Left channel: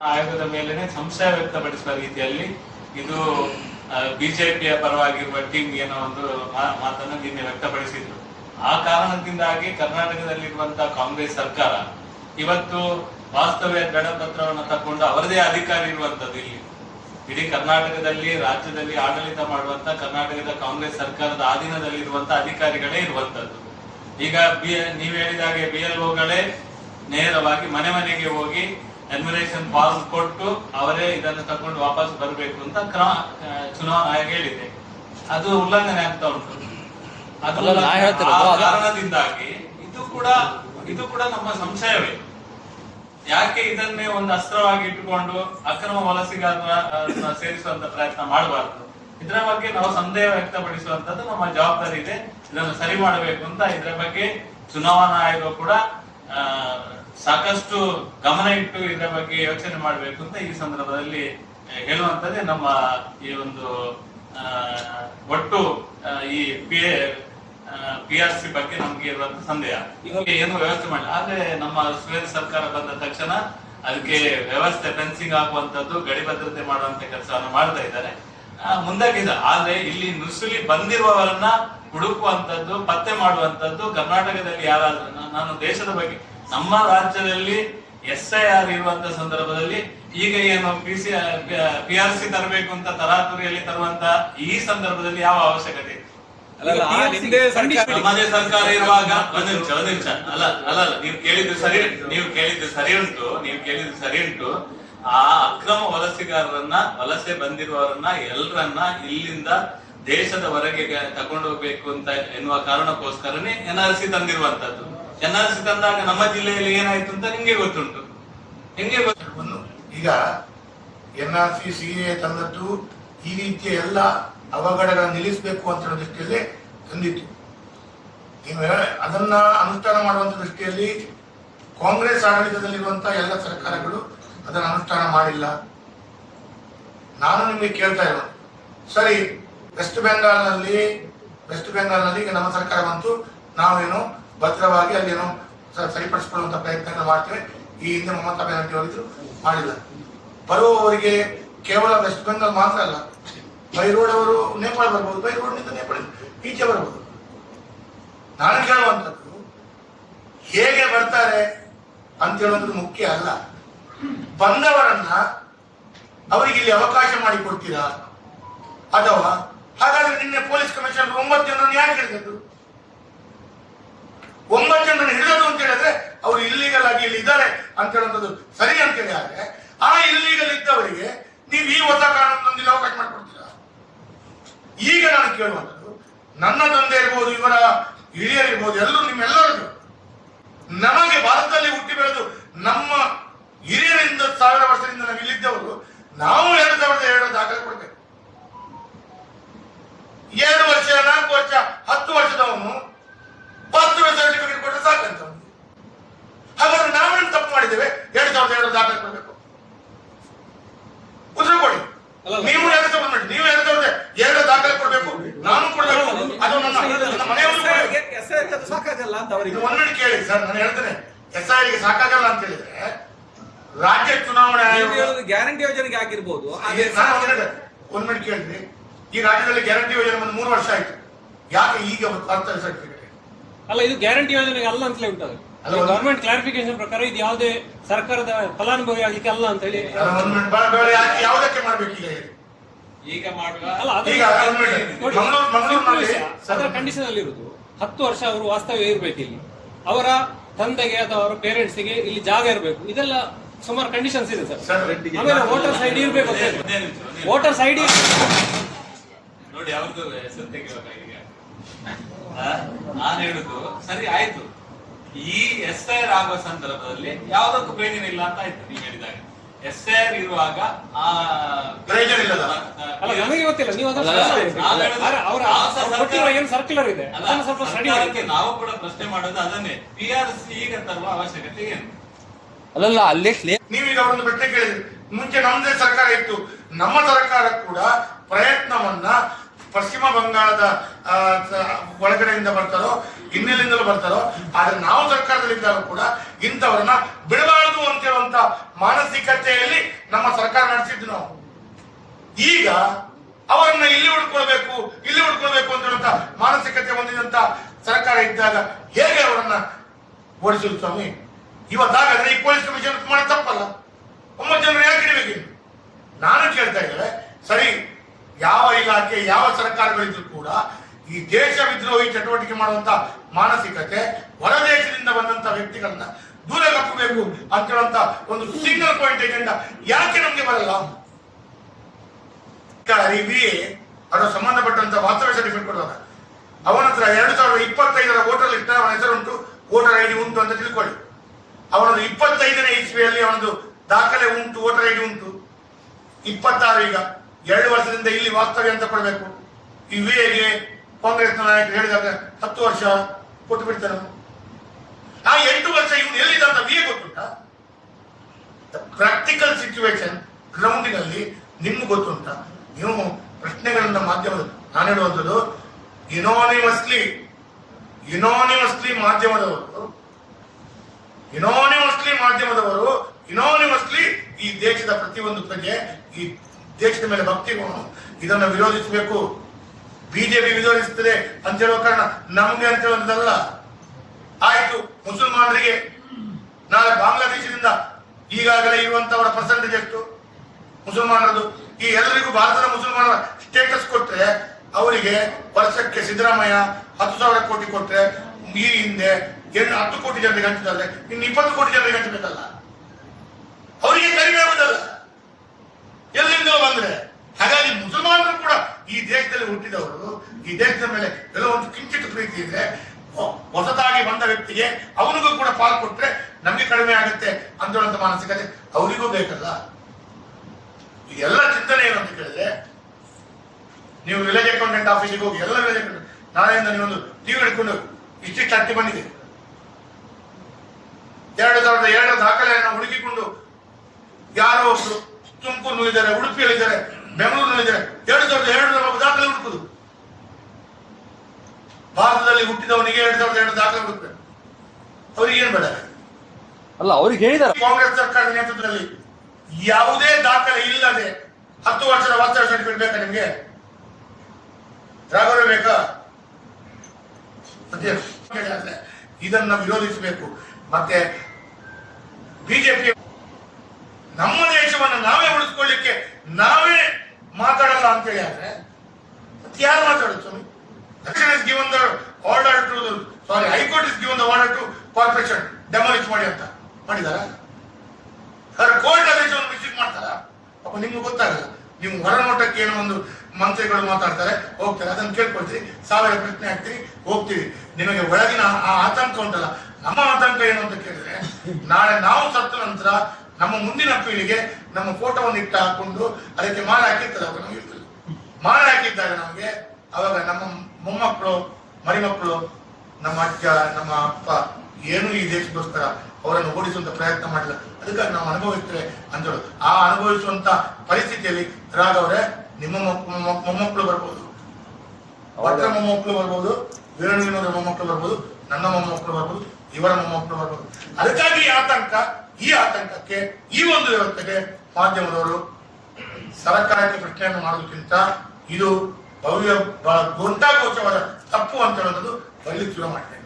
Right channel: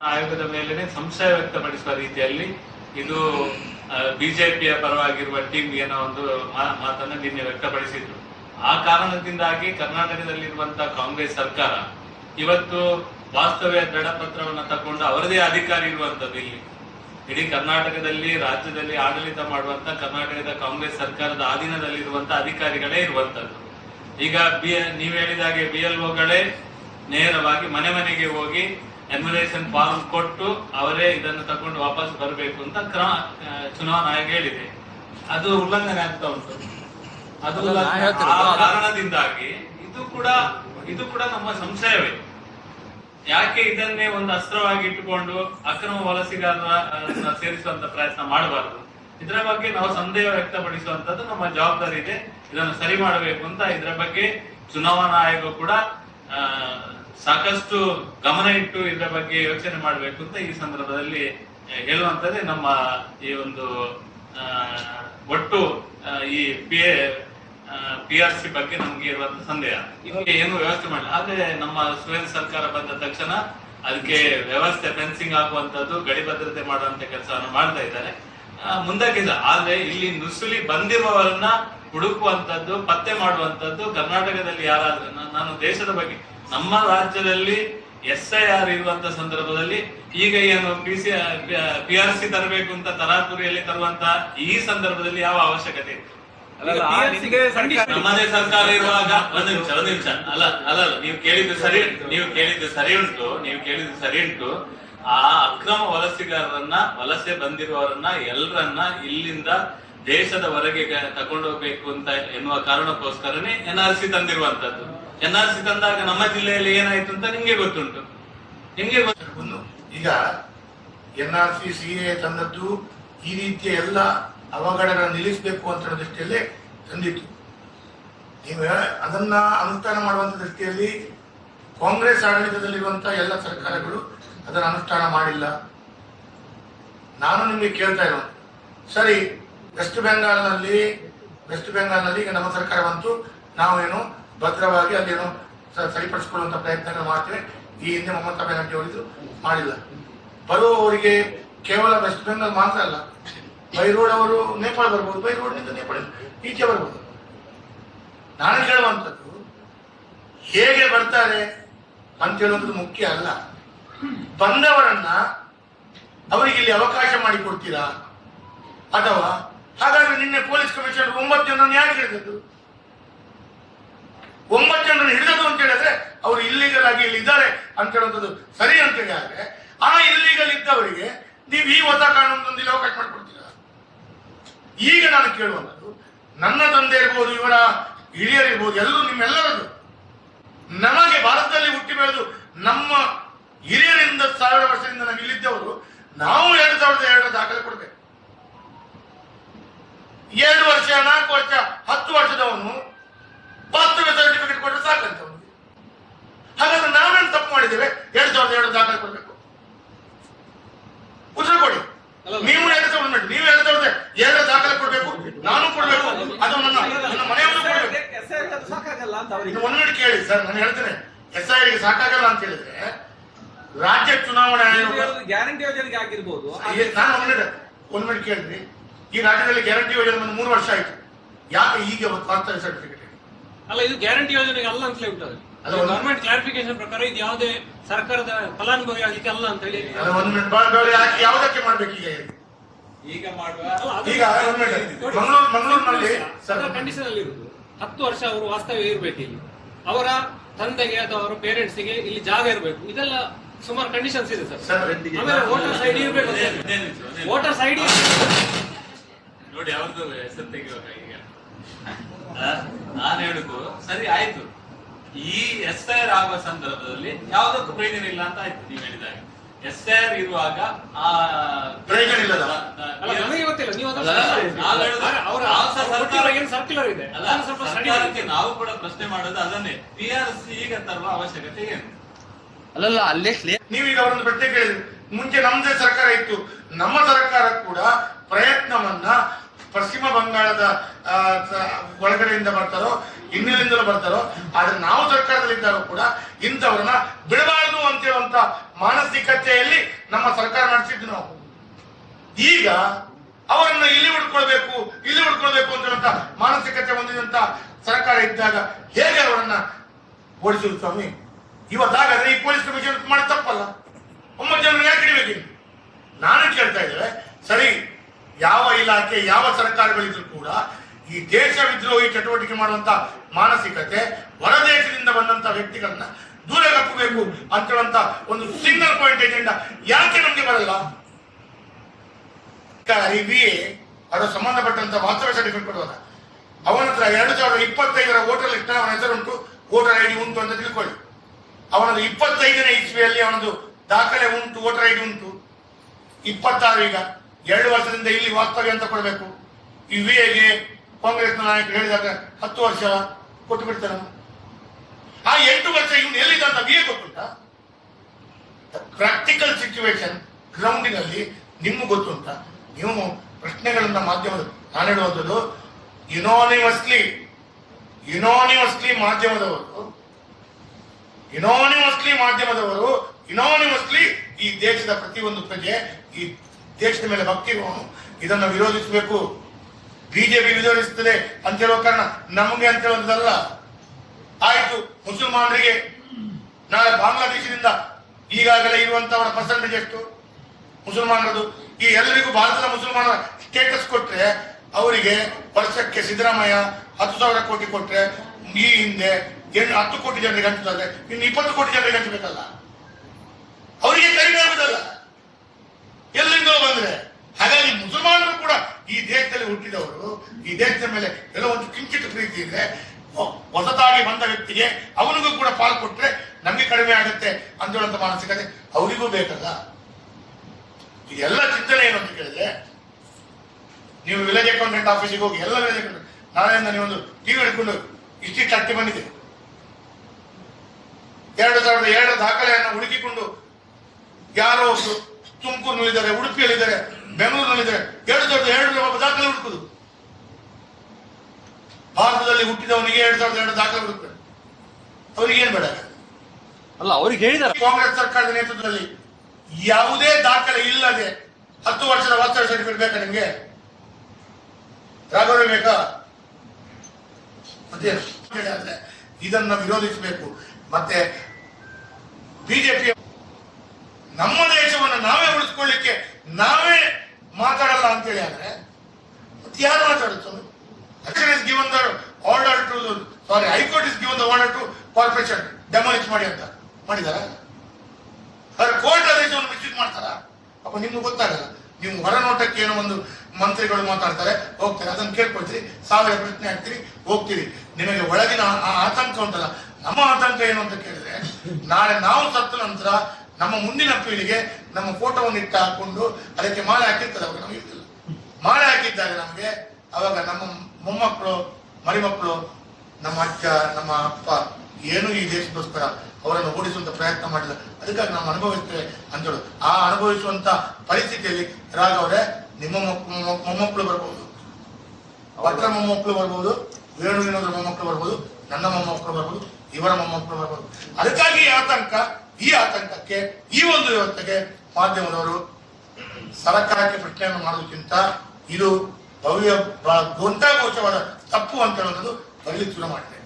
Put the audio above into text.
ಆಯೋಗದ ಮೇಲೆನೆ ಸಂಶಯ ವ್ಯಕ್ತಪಡಿಸುವ ರೀತಿಯಲ್ಲಿ ಇದು ಬಿಜೆಪಿಯ ಪರವಾಗಿರುವ ಟೀಮ್ ಏನೋ ಒಂದು ಮಾತನ್ನು ನಿನ್ನೆ ವ್ಯಕ್ತಪಡಿಸಿದ್ರು. ಆ ಕಾರಣದಿಂದಾಗಿ ಕರ್ನಾಟಕದಲ್ಲಿರುವಂತಹ ಕಾಂಗ್ರೆಸ್ ಸರ್ಕಾರ ಇವತ್ತು ವಾಸ್ತವ್ಯ ದೃಢಪತ್ರವನ್ನು ತಕೊಂಡು ಅವರದೇ ಅಧಿಕಾರಿ ಇರುವಂತದ್ದು. ಇಲ್ಲಿ ಇಡೀ ಕರ್ನಾಟಕದಲ್ಲಿ ರಾಜ್ಯದಲ್ಲಿ ಆಡಳಿತ ಮಾಡುವಂತ ಕರ್ನಾಟಕದ ಕಾಂಗ್ರೆಸ್ ಸರ್ಕಾರದ ಅಧೀನದಲ್ಲಿರುವಂತಹ ಅಧಿಕಾರಿಗಳೇ ಇರುವಂತದ್ದು. ಈಗ ನೀವು ಹೇಳಿದಾಗೆ BLOಗಳೇ ನೇರವಾಗಿ ಮನೆ ಮನೆಗೆ ಹೋಗಿ ಎನ್ಯುಮರೇಷನ್ ಫಾರ್ಮ್ ಕೊಟ್ಟು ಅವರೇ ಇದನ್ನು ತಕೊಂಡು ವಾಪಸ್ ಬರಬೇಕು ಅಂತ ಚುನಾವಣಾ ಆಯೋಗ ಹೇಳಿದೆ. ಅದು ಉಲ್ಲಂಘನೆ ಆಗ್ತಾ ಉಂಟು. ಅದು ಕಾರಣದಿಂದಾಗಿ ಇದು ಕೂಡ ನಮ್ಮ ಸಂಶಯವೇ. ಯಾಕೆ ಇದನ್ನೇ ಒಂದು ಅಸ್ತ್ರವಾಗಿ ಇಟ್ಟುಕೊಂಡು ಅಕ್ರಮ ವಲಸಿಗಾರರನ್ನ ಸೇರಿಸುವಂತ ಪ್ರಯತ್ನ ಮಾಡಬಾರದು? ಇದರ ಬಗ್ಗೆ ನಾವು ಸಂದೇಹ ವ್ಯಕ್ತಪಡಿಸುವಂತದ್ದು ನಮ್ಮ ಜವಾಬ್ದಾರಿ ಇದೆ. ಇದನ್ನು ಸರಿ ಮಾಡಬೇಕು ಅಂತ ಇದರ ಬಗ್ಗೆ ಚುನಾವಣಾ ಆಯೋಗ ಕೂಡ ಸಾಕಷ್ಟು ಗಮನ ಇಟ್ಟು ಇದರ ಬಗ್ಗೆ ಯೋಚನೆ ಮಾಡಬೇಕು ಅಂತ ಈ ಸಂದರ್ಭದಲ್ಲಿ ಹೇಳುವಂತದ್ದೇ ನಮ್ಮ ಈ ಒಂದು ಒಟ್ಟು ಈ PRC ಬಗ್ಗೆ ನಮ್ಗೆ ಇರುವಂತ ಸಂದೇಹ. ಇವಾಗ ಏನು ವ್ಯವಸ್ಥೆ ಮಾಡಿಲ್ಲ. ಆದ್ರೆ ನಮ್ಮ ಸುರೇಂದ್ರ ಸರ್ಕಾರ ಬಂದ ತಕ್ಷಣ ಅದಕ್ಕೆ ವ್ಯವಸ್ಥೆ ಫೆನ್ಸಿಂಗ್ ಹಾಕುವಂತದ್ದು, ಗಡಿ ಭದ್ರತೆ ಮಾಡುವಂತ ಕೆಲಸವನ್ನು ಮಾಡ್ತಾ ಇದ್ದಾರೆ. ಮುಂದಕ್ಕೆ ಆದ್ರೆ ಇಲ್ಲಿ ನುಸುಳಿ ಬಂದಿರುವವರನ್ನ ಹುಡುಕುವಂತದ್ದು, ಪತ್ತೆ ಮಾಡುವಂತದ್ದು ಕರ್ನಾಟಕದಲ್ಲಿ ಯಾರಾದ್ರೂ, ನಾನು ದೇಶದ ಬಗ್ಗೆ, ನಮ್ಮ ರಾಜ್ಯದಲ್ಲಿ SIR ಇರುವಂತ ಸಂದರ್ಭದಲ್ಲಿ ಈಗ ಏನು PRC ತರಬೇಕು ಅಂತ ತರಾತುರಿಯಲ್ಲಿ ತರುವಂತ ಈ ಸಂದರ್ಭದಲ್ಲಿ ಯಾವ ಅವಶ್ಯಕತೆ ಇತ್ತು? ನಮ್ಮದೇ ಸರ್ಕಾರ ಇರುವಾಗ ಒಂದು ನಿಮಿಷ ಅಲ್ಲ ನೀವು ಕೇಳಿದ್ದು ಸರಿ ಉಂಟು. ಆ ಅಕ್ರಮ ವಲಸೆ ಬಂದಿರುವವರನ್ನ ಎಲ್ಲರನ್ನ ಇಲ್ಲಿಂದ ದೇಶದ ಹೊರಗೆ ತಗೊಂಡೋಗ್ಬೇಕು ಅಂತ ಎನ್ನುವ ಕಾರಣಕ್ಕೋಸ್ಕರನೇ NRC ತಂದಿರುವಂತದ್ದು. NRC ತಂದಾಗ ನಮ್ಮ ಜಿಲ್ಲೆಯಲ್ಲಿ ಏನಾಯ್ತು ಅಂತ ನಿಮ್ಗೆ ಗೊತ್ತುಂಟು. ಈಗ NRC CA ತಂದದ್ದು ಈ ರೀತಿಯ ಎಲ್ಲ ಅವಘಡಗಳನ್ನು ನಿಲ್ಲಿಸಬೇಕು ಅಂತ ದೃಷ್ಟಿಯಲ್ಲೇ ತಂದಿತ್ತು. ನೀವು ಅದನ್ನ ಅನುಷ್ಠಾನ ಮಾಡುವಂತ ದೃಷ್ಟಿಯಲ್ಲಿ ಕಾಂಗ್ರೆಸ್ ಆಡಳಿತದಲ್ಲಿರುವಂತಹ ಎಲ್ಲ ಸರ್ಕಾರಗಳು ಅದನ್ನು ಅನುಷ್ಠಾನ ಮಾಡಿಲ್ಲ. ನಾನು ನಿಮಗೆ ಕೇಳ್ತಾ ಇರೋದು, ಸರಿ, ವೆಸ್ಟ್ ಬೆಂಗಾಲ್ನಲ್ಲಿ ಈಗ ನಮ್ಮ ಸರ್ಕಾರ ಬಂತು, ನಾವೇನೋ ಭದ್ರವಾಗಿ ಅಲ್ಲಿ ಏನೋ ಸರಿಪಡಿಸಿಕೊಳ್ಳುವಂತ ಪ್ರಯತ್ನಗಳು ಮಾಡ್ತೇವೆ. ಈ ಹಿಂದೆ ಮಮತಾ ಬ್ಯಾನರ್ಜಿ ಅವರಿದ್ರು, ಮಾಡಿಲ್ಲ. ಬರುವವರಿಗೆ ಕೇವಲ ವೆಸ್ಟ್ ಬೆಂಗಾಲ್ ಮಾತ್ರ ಅಲ್ಲ, ಬೈ ರೋಡ್ ಅವರು ನೇಪಾಳ ಬರ್ಬೋದು, ಬೈ ರೋಡ್ನಿಂದ ನೇಪಾಳ ಈಚೆ ಬರ್ಬೋದು. ನಾನು ಕೇಳುವಂಥದ್ದು, ಹೇಗೆ ಬರ್ತಾರೆ ಅಂತ ಹೇಳೋದು ಮುಖ್ಯ ಅಲ್ಲ. ಬಂದವರನ್ನ ಅವರಿಗೆ ಇಲ್ಲಿ ಅವಕಾಶ ಮಾಡಿಕೊಡ್ತೀರಾ? ಅಥವಾ ಹಾಗಾದ್ರೆ ನಿನ್ನೆ ಪೊಲೀಸ್ ಕಮಿಷನರ್ 9 ಜನರನ್ನು ಯಾರು ಹಿಡಿದದ್ದು? 9 ಜನರನ್ನು ಹಿಡಿದದ್ದು ಅಂತ ಹೇಳಿದ್ರೆ ಅವರು ಇಲ್ಲಿಗಲ್ ಆಗಿ ಇಲ್ಲಿ ಇದ್ದಾರೆ ಅಂತ ಹೇಳುವಂಥದ್ದು ಸರಿ ಅಂತ ಹೇಳಿ. ಆದ್ರೆ ಆ ಇಲ್ಲಿಗಲ್ ಇದ್ದವರಿಗೆ ನೀವು ಈ ಹೊಸ ಕಾನೂನಿನಲ್ಲಿ ಅವಕಾಶ ಮಾಡಿಕೊಡ್ತೀರಾ? ಈಗ ನಾನು ಕೇಳುವಂಥದ್ದು, ನನ್ನ ತಂದೆ ಇರ್ಬೋದು, ಇವರ ಹಿರಿಯರಿರ್ಬೋದು, ಎಲ್ಲರೂ ನಿಮ್ಮೆಲ್ಲರದು, ನಮಗೆ ಭಾರತದಲ್ಲಿ ಹುಟ್ಟಿ ಬೆಳೆದು ನಮ್ಮ ಹಿರಿಯರಿಂದ 1000 ವರ್ಷದಿಂದ ನಾವು ಇಲ್ಲಿದ್ದವರು, ನಾವು 2007 ದಾಖಲೆ ಕೊಡ್ಬೇಕು. 2 ವರ್ಷ, 4 ವರ್ಷ, 10 ವರ್ಷದವನು 10 ವರ್ಷ ಸರ್ಟಿಫಿಕೇಟ್ ಕೊಟ್ಟರೆ ಸಾಕಂತ. ಹಾಗಾದ್ರೆ ನಾವೇನು ತಪ್ಪು ಮಾಡಿದ್ದೇವೆ 2007 ದಾಖಲೆ ಕೊಡ್ಬೇಕು? ಉತ್ತರ ಕೊಡಿ. ನೀವು 2007 ದಾಖಲೆ ಕೊಡ್ಬೇಕು, ನಾನು ಕೊಡ್ಬೇಕು, ಅದು ನನ್ನ ಮನೆಯವರು ಒಂದ್ ಕೇಳಿ ಸರ್. ನಾನು ಹೇಳ್ತೇನೆ, SIR ಗೆ ಸಾಕಾಗಲ್ಲ ಅಂತ ಹೇಳಿದ್ರೆ ರಾಜ್ಯ ಚುನಾವಣೆ ಆಯೋಗ ಗ್ಯಾರಂಟಿ ಯೋಜನೆಗೆ ಆಗಿರ್ಬೋದು. ಒಂದ್ ಮಿನಿಟ್ ಕೇಳ್ರಿ. ಈ ರಾಜ್ಯದಲ್ಲಿ ಗ್ಯಾರಂಟಿ ಯೋಜನೆ ಬಂದು 3 ವರ್ಷ ಆಯ್ತು, ಯಾಕೆ ಈಗ ವಾಸ್ತವ ಸರ್ಟಿಫಿಕೇಟ್ ಅಲ್ಲ? ಇದು ಗ್ಯಾರಂಟಿ ಯೋಜನೆಗೆ ಅಲ್ಲ ಅಂತಲೇ ಉಂಟು. ಗವರ್ಮೆಂಟ್ ಕ್ಲಾರಿಫಿಕೇಶನ್ ಪ್ರಕಾರ ಇದು ಯಾವುದೇ ಸರ್ಕಾರದ ಫಲಾನುಭವಿ ಆಗಲಿಕ್ಕೆ ಅಲ್ಲ ಅಂತ ಹೇಳಿ. ಯಾವುದಕ್ಕೆ ಮಾಡ್ಬೇಕು ಈಗ ಕಂಡೀಷನ್ ಅಲ್ಲಿ ಇರುವುದು 10 ವರ್ಷ ಅವರು ವಾಸ್ತವ್ಯ ಇರಬೇಕು ಇಲ್ಲಿ, ಅವರ ತಂದೆಗೆ ಅಥವಾ ಅವರ ಪೇರೆಂಟ್ಸ್ಗೆ ಇಲ್ಲಿ ಜಾಗ ಇರಬೇಕು. ಇದೆಲ್ಲ ಸುಮಾರು ಕಂಡೀಷನ್ಸ್ ಇದೆ ಸರ್. ಆಮೇಲೆ ವೋಟರ್ಸ್ ID ಇರಬೇಕು. ವೋಟರ್ಸ್ ID ನೋಡಿ, ಯಾವ್ದು ಹೆಸರು ತೆಗಿವಾಗ ಈಗ ನಾನು ಹೇಳುದು ಸರಿ ಆಯ್ತು. ಈ SIR ಆಗುವ ಸಂದರ್ಭದಲ್ಲಿ ಯಾವುದಕ್ಕೂ ಪ್ರಯೋಜನ ಇಲ್ಲ ಅಂತ ಆಯ್ತು. ನೀವು ಹೇಳಿದಾಗ SIR ಇರುವಾಗ ಪ್ರಯೋಜನ ಇಲ್ಲ. ನಮಗೆ ಗೊತ್ತಿಲ್ಲ, ನೀವು ಸರ್ಕ್ಯುಲರ್ ಇದೆ, ನಾವು ಕೂಡ ಪ್ರಶ್ನೆ ಮಾಡೋದು ಅದನ್ನೇ. PRC ಈಗ ತರುವ ಅವಶ್ಯಕತೆ ಏನು? ಅಲ್ಲಲ್ಲ, ಅಲ್ಲೇ ನೀವೀಗ ಒಂದು ಪ್ರಶ್ನೆ ಕೇಳಿದ್ರಿ. ಮುಂಚೆ ನಮ್ಮದೇ ಸರ್ಕಾರ ಇತ್ತು, ನಮ್ಮ ಸರ್ಕಾರ ಕೂಡ ಪ್ರಯತ್ನವನ್ನ ಪಶ್ಚಿಮ ಬಂಗಾಳದ ಒಳಗಡೆಯಿಂದ ಬರ್ತಾರೋ ಇನ್ನೆಲ್ಲಿಂದಲೂ ಬರ್ತಾರೋ, ಆದ್ರೆ ನಾವು ಸರ್ಕಾರದಲ್ಲಿದ್ದಾಗ ಕೂಡ ಇಂಥವ್ರನ್ನ ಬಿಡಬಾರದು ಅಂತ ಹೇಳುವ ಅಂತೇಳುವಂತ ಮಾನಸಿಕತೆಯಲ್ಲಿ ನಮ್ಮ ಸರ್ಕಾರ ನಡೆಸಿದ್ವಿ ನಾವು. ಈಗ ಅವರನ್ನ ಇಲ್ಲಿ ಹುಡ್ಕೊಳ್ಬೇಕು ಅಂತ ಹೇಳುವಂತ ಮಾನಸಿಕತೆ ಹೊಂದಿದಂತ ಸರ್ಕಾರ ಇದ್ದಾಗ ಹೇಗೆ ಅವರನ್ನ ಓಡಿಸಿದ್ರು ಸ್ವಾಮಿ? ಇವತ್ತಾಗದ್ರೆ ಈ ಪೊಲೀಸ್ ಕಮಿಷನ್ ಮಾಡಿ ತಪ್ಪಲ್ಲ, 9 ಜನರು ಯಾಕೆ ಹಿಡಿಬೇಕಿಲ್ಲ? ನಾನು ಕೇಳ್ತಾ ಇದ್ದೇವೆ, ಸರಿ, ಯಾವ ಇಲಾಖೆ ಯಾವ ಸರ್ಕಾರಗಳಿದ್ರು ಕೂಡ ಈ ದೇಶ ವಿದ್ರೋಹಿ ಚಟುವಟಿಕೆ ಮಾಡುವಂತ ಮಾನಸಿಕತೆ, ಹೊರದೇಶದಿಂದ ಬಂದಂತ ವ್ಯಕ್ತಿಗಳನ್ನ ದೂರ ಹಾಕಬೇಕು ಅಂತ ಹೇಳುವಂತ ಒಂದು ಸಿಂಗಲ್ ಪಾಯಿಂಟ್ ಎಜೆಂಡಾ ಯಾಕೆ ನಮ್ಗೆ ಬರಲ್ಲ? ಅದರ ಸಂಬಂಧಪಟ್ಟಂತ ವಾಸ್ತವ ಸರ್ಟಿಫಿಕೇಟ್ ಕೊಡುವಾಗ ಅವನ ಹತ್ರ 2025 ವೋಟರ್ ಲಿಸ್ಟ್ ಅವನ ಹೆಸರುಂಟು, ವೋಟರ್ ಐಡಿ ಉಂಟು ಅಂತ ತಿಳ್ಕೊಳ್ಳಿ. ಅವನದು 25ನೇ ಇಸ್ವಿಯಲ್ಲಿ ಅವನದು ದಾಖಲೆ ಉಂಟು, ವೋಟರ್ ಐಡಿ ಉಂಟು. 26 ಈಗ 2 ವರ್ಷದಿಂದ ಇಲ್ಲಿ ವಾಸ್ತವ್ಯ ಅಂತ ಕೊಡಬೇಕು. ಈ ವಿಎಗೆ ಕಾಂಗ್ರೆಸ್ನ ನಾಯಕರು ಹೇಳಿದಾಗ 10 ವರ್ಷ ಕೊಟ್ಟು ಬಿಡ್ತಾನೆ. ಆ 8 ವರ್ಷ ಇವನು ಎಲ್ಲಿದ್ದಂತ ವಿಎ ಗೊತ್ತುಂಟ? ಪ್ರಾಕ್ಟಿಕಲ್ ಸಿಚುವೇಶನ್ ಗ್ರೌಂಡಿನಲ್ಲಿ ನಿಮ್ಗೆ ಗೊತ್ತುಂಟ? ನೀವು ಪ್ರಶ್ನೆಗಳನ್ನ ಮಾಧ್ಯಮದ, ನಾನು ಹೇಳುವಂಥದ್ದು ಯುನಾನಿಮಸ್ಲಿ ಮಾಧ್ಯಮದವರು ಈ ದೇಶದ ಪ್ರತಿಯೊಂದು ಪ್ರಜೆ ಈ ದೇಶದ ಮೇಲೆ ಭಕ್ತಿ ಇದನ್ನ ವಿರೋಧಿಸಬೇಕು. ಬಿಜೆಪಿ ವಿರೋಧಿಸುತ್ತದೆ ಅಂತ ಹೇಳುವ ಕಾರಣ ನಮಗೆ ಅಂತ ಹೇಳುವುದಲ್ಲ. ಆಯ್ತು, ಮುಸಲ್ಮಾನರಿಗೆ ನಾಳೆ ಬಾಂಗ್ಲಾದೇಶದಿಂದ ಈಗಾಗಲೇ ಇರುವಂತವರ ಪರ್ಸೆಂಟೇಜ್ ಎಷ್ಟು ಮುಸಲ್ಮಾನರದು? ಈ ಎಲ್ಲರಿಗೂ ಭಾರತದ ಮುಸಲ್ಮಾನರ ಸ್ಟೇಟಸ್ ಕೊಟ್ರೆ ಅವರಿಗೆ ವರ್ಷಕ್ಕೆ ಸಿದ್ದರಾಮಯ್ಯ 10,000 ಕೋಟಿ ಕೊಟ್ರೆ ಈ ಹಿಂದೆ 10 ಕೋಟಿ ಜನರಿಗೆ ಹಂಚಿದ್ದಾರೆ, ಇನ್ನು 20 ಕೋಟಿ ಜನರಿಗೆ ಹಂಚಬೇಕಲ್ಲ. ಅವರಿಗೆ ಕಡಿಮೆ ಆಗುದಲ್ಲ, ಎಲ್ಲಿಂದ ಬಂದ್ರೆ. ಹಾಗಾಗಿ ಮುಸಲ್ಮಾನರು ಕೂಡ ಈ ದೇಶದಲ್ಲಿ ಹುಟ್ಟಿದವರು, ಈ ದೇಶದ ಮೇಲೆ ಎಲ್ಲೋ ಒಂದು ಕಿಂಚಿತ್ ಪ್ರೀತಿ ಇದೆ. ಹೊಸತಾಗಿ ಬಂದ ವ್ಯಕ್ತಿಗೆ ಅವನಿಗೂ ಕೂಡ ಪಾಲ್ ಕೊಟ್ರೆ ನಮ್ಗೆ ಕಡಿಮೆ ಆಗುತ್ತೆ ಅಂತ ಮಾನಸಿಕತೆ ಅವರಿಗೂ ಬೇಕಲ್ಲ. ಇದೆಲ್ಲ ಚಿಂತನೆ ಏನು ಅಂತ ಕೇಳಿದ್ರೆ, ನೀವು ವಿಲೇಜ್ ಅಕೌಂಟೆಂಟ್ ಆಫೀಸಿಗೆ ಹೋಗಿ, ಎಲ್ಲ ವಿಲೇಜ್ ಅಕೌಂಟೆಂಟ್ ನಾಳೆಯಿಂದ ನೀವೊಂದು ಟಿವಿ ಹಿಡ್ಕೊಂಡು ಇಷ್ಟಿಷ್ಟು ಅಟ್ಟಿ ಬಂದಿದೆ, 2002 ದಾಖಲೆಯನ್ನು ಹುಡುಕಿಕೊಂಡು ಯಾರೋ ಒಬ್ರು ತುಮಕೂರಿನಲ್ಲಿದ್ದಾರೆ, ಉಡುಪಿಯಲ್ಲಿದ್ದಾರೆ, ಬೆಂಗಳೂರಿನಲ್ಲಿದ್ದಾರೆ, 2002 ದಾಖಲೆ ಹುಡುಕುದು. ಭಾರತದಲ್ಲಿ ಹುಟ್ಟಿದವನಿಗೆ 2002 ದಾಖಲೆ ಹುಡುಕ್ತಾರೆ. ಅವರಿಗೆ ಏನ್ ಬೇಡ ಅಲ್ಲ, ಅವ್ರಿಗೆ ಹೇಳಿದ್ದಾರೆ. ಕಾಂಗ್ರೆಸ್ ಸರ್ಕಾರದ ನೇತೃತ್ವದಲ್ಲಿ ಯಾವುದೇ ದಾಖಲೆ ಇಲ್ಲದೆ 10 ವರ್ಷದ ವಾಸ್ತವ ಸರ್ಟಿಫಿಕೇಟ್ ಬೇಕಾ ನಿಮ್ಗೆ? ರಾಘವೇ ಬೇಕಾ? ಇದನ್ನ ವಿರೋಧಿಸಬೇಕು. ಮತ್ತೆ ಬಿಜೆಪಿ ನಮ್ಮ ದೇಶವನ್ನು ನಾವೇ ಉಳಿಸ್ಕೊಳ್ಳಿಕ್ಕೆ ನಾವೇ ಮಾತಾಡಲ್ಲ ಅಂತೇಳಿ ಆದ್ರೆ ಮತ್ತೆ ಯಾರು ಮಾತಾಡುತ್ತೆ? High court is given the order to corporation demolish ಮಾಡಿ ಅಂತ ಮಾಡಿದಾರ? ಕೋರ್ಟ್ ಆದೇಶವನ್ನು ಮಿಸ್ಯೂಸ್ ಮಾಡ್ತಾರ? ಅಪ್ಪ ನಿಮ್ಗೆ ಗೊತ್ತಾಗಲ್ಲ. ನೀವು ಹೊರನೋಟಕ್ಕೆ ಏನೋ ಒಂದು ಮಂತ್ರಿಗಳು ಮಾತಾಡ್ತಾರೆ, ಹೋಗ್ತಾರೆ, ಅದನ್ನು ಕೇಳ್ಕೊಳ್ತೀರಿ, 1000 ಪ್ರಶ್ನೆ ಹಾಕ್ತೀರಿ, ಹೋಗ್ತೀರಿ. ನಿಮಗೆ ಒಳಗಿನ ಆ ಆತಂಕ ಉಂಟಲ್ಲ. ನಮ್ಮ ಆತಂಕ ಏನು ಅಂತ ಕೇಳಿದ್ರೆ, ನಾಳೆ ನಾವು ಸತ್ತ ನಂತರ ನಮ್ಮ ಮುಂದಿನ ಪೀಳಿಗೆ ನಮ್ಮ ಫೋಟೋವನ್ನು ಇಟ್ಟು ಹಾಕೊಂಡು ಅದಕ್ಕೆ ಮಾಲೆ ಹಾಕಿರ್ತಾರೆ. ಅವಾಗ ನಮಗೆ ಇರ್ತಿಲ್ಲ, ಮಾಲೆ ಹಾಕಿದ್ದಾರೆ ನಮಗೆ. ಅವಾಗ ನಮ್ಮ ಮೊಮ್ಮಕ್ಕಳು, ಮರಿಮಕ್ಕಳು, ನಮ್ಮ ಅಜ್ಜ, ನಮ್ಮ ಅಪ್ಪ ಏನು ಈ ದೇಶಕ್ಕೋಸ್ಕರ ಅವರನ್ನು ಓಡಿಸುವಂತ ಪ್ರಯತ್ನ ಮಾಡಿಲ್ಲ, ಅದಕ್ಕಾಗಿ ನಾವು ಅನುಭವಿಸ್ತೇವೆ ಅಂತೇಳು. ಆ ಅನುಭವಿಸುವಂತ ಪರಿಸ್ಥಿತಿಯಲ್ಲಿ ರಾಘವರೇ, ನಿಮ್ಮ ಮೊಮ್ಮಕ್ಕಳು ಬರ್ಬೋದು, ಭದ್ರ ಮೊಮ್ಮಕ್ಕಳು ಬರ್ಬೋದು, ವೇಣು ವಿನೋದ ಮೊಮ್ಮಕ್ಕಳು ಬರ್ಬೋದು, ನನ್ನ ಮೊಮ್ಮಕ್ಕಳು ಬರ್ಬೋದು, ಇವರ ಮೊಮ್ಮಕ್ಕಳು ಬರ್ಬೋದು. ಅದಕ್ಕಾಗಿ ಈ ಆತಂಕಕ್ಕೆ, ಈ ಒಂದು ವ್ಯವಸ್ಥೆಗೆ ಮಾಧ್ಯಮದವರು ಸರ್ಕಾರಕ್ಕೆ ಪ್ರಶ್ನೆಯನ್ನು ಮಾಡೋದಕ್ಕಿಂತ ಇದು ಭವ್ಯ ಘೋಷವಾದ ತಪ್ಪು ಅಂತ ಹೇಳೋದು ಬರಲಿಕ್ಕೆ ಶುರು ಮಾಡಿದೆ.